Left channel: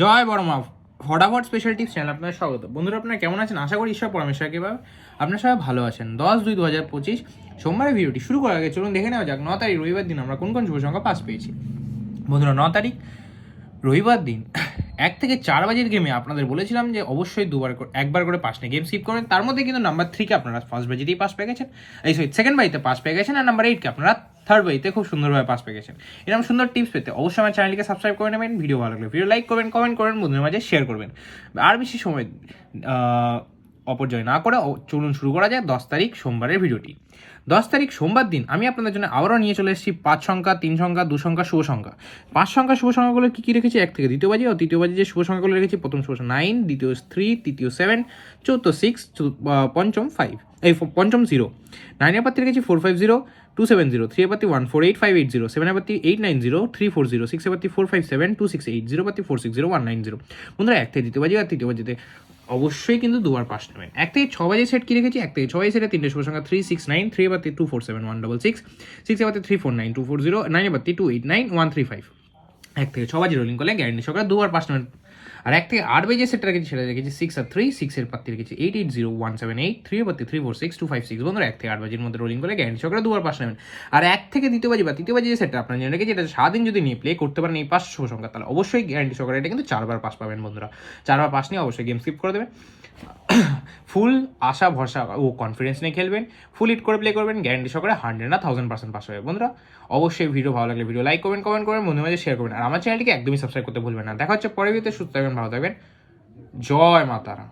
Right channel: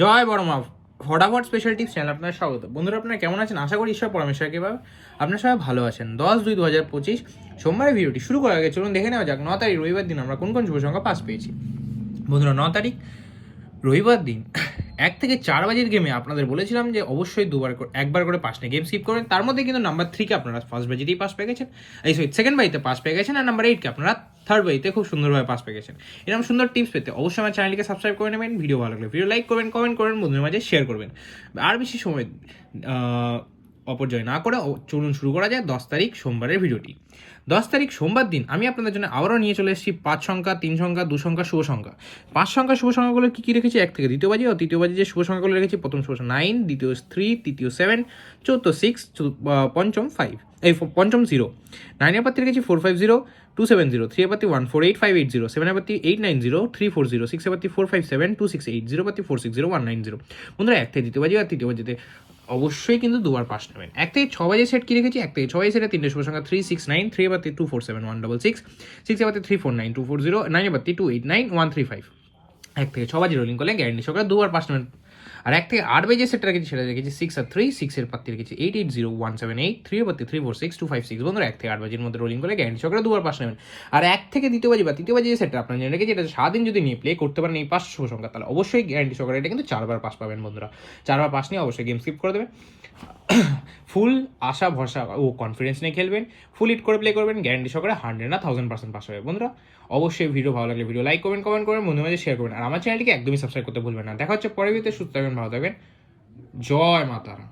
জয় বড়মা, ফটাফট special tips channel আপনার স্বাগত। বন্ধুরা, আপনারা কেমন আছেন? আশা করি ঈশ্বর পরমেশ্বর কৃপায় আপনারা সবাই ভালো আছেন। 10/2/2025 সোমবারের ভিডিওটি শুরু করার আগে চলুন দেখে নেওয়া যাক 9 তারিখ রবিবার দিন আমরা কোন কোন শুভ সংখ্যা পাস পেয়েছি। বন্ধুরা, 9 তারিখ রবিবার দিন 1 থেকে 4 বাজের গেমে আপনাদের বলেছিলাম যে অবশ্যই একবার করে 5টা গেম স্কিপ করেন। তার মধ্যে কিন্তু নাম্বার 3-কে আপনারা ফার্স্ট বাজিতেই পাস পেয়ে গেছেন, সেকেন্ড বাজিতে পাস পেয়ে গেছেন, আর নাম্বার 8-কে আপনারা থার্ড বাজিতে খুব সুন্দরভাবে পাস পেয়ে গেছেন। এরকম সুন্দর টিপস পেতে অবশ্যই আমার চ্যানেলটিকে সাবস্ক্রাইব করে নেবেন। ভিডিও ভালো লাগলে ভিডিও লাইক করবেন, কমেন্ট করবেন, বন্ধুদের মাঝে শেয়ার করবেন। আর বেশি সময় অপচয় না করে চলুন শুরু করা যায় 10 তারিখ সোমবারের ভিডিওটি। 10 তারিখ সোমবার দিন আমি আপনাদের জন্য আবারও নিয়ে চলে এসেছি 5 সংখ্যা, 3 সংখ্যা, 2 সংখ্যা শুভ সংখ্যা। 5 সংখ্যা শুভ সংখ্যাগুলো কি রেখেছি? 1 থেকে দ্বিতীয় বাজি ও তৃতীয় বাজি যে শুভ সংখ্যাগুলো রেখেছি, প্রথম শুভ 9, দ্বিতীয় 3, তৃতীয় 7, চতুর্থ 6, পঞ্চম 5, পঞ্চম 0। 9 এর পাত্তি রেখেছি 450, 270, 3 এর পাত্তি 148, 580, 7 এর পাত্তি 890, 340, 6 এর পাত্তি 457, 268, 0 পাত্তি 460, 190। বন্ধুরা, 1 থেকে দ্বিতীয় বাজি আর তৃতীয় বাজিতে অবশ্যই কিন্তু দুবার পাস নেবেন। 1 থেকে 6 বাজে সেট কি রেখেছি? 1 থেকে 6 বাজে সেটে 3টে শুভ সংখ্যা 369, 3 এর পাত্তি 247, 166, 6 এর পাত্তি 349, 240, 9 এর পাত্তি 289, 135। 1 থেকে 6 বাজে রোলিং করলে গ্যারান্টি সহকারে দুবার পাস নেবেন। আর 1 থেকে 8 বাজে সেটটা রেখেছি, সেটা রেখেছি 6 আর 3, 6 এর পাত্তি রেখেছি 880, 178, 3 এর পাত্তি 346, 256। বন্ধুরা, 1 থেকে 8 বাজের মধ্যে রোলিং করলে গ্যারান্টি সহকারে দুবার পাস নেবেন। আর 1 থেকে দ্বিতীয় বাজি বা তৃতীয় বাজি যে সেটটা আপনার জেনে রেখেছি, এটা সারাদিন যদি নিয়ে প্লে করতে পারেন এই 5 শুভ সংখ্যা, তাহলে অবশ্যই গ্যারান্টি সহকারে এটা কিন্তু 4 বার পাস পাবেন। বন্ধুরা, 4 বার পাস নিয়ে অবশ্যই গেম স্কিপ করে দেবেন। ফুল আশা ভরসা ও কনফিডেন্স নিয়ে খেলবেন, ফুল হিট করে প্লে করবেন, গ্যারান্টি সহকারে 100 না 1000% পাস হবে। বন্ধুরা, অবশ্যই ভিডিও ভালো লাগলে ভিডিও লাইক করবেন, কমেন্ট করবেন, বন্ধুদের মাঝে শেয়ার করবেন। আর আমার চ্যানেলটিকে একদমই সাবস্ক্রাইব করতে ভুলবেন না। দেখা হচ্ছে পরের ভিডিওতে। সুস্থ থাকবেন, ভালো থাকবেন। জয় মাতারা।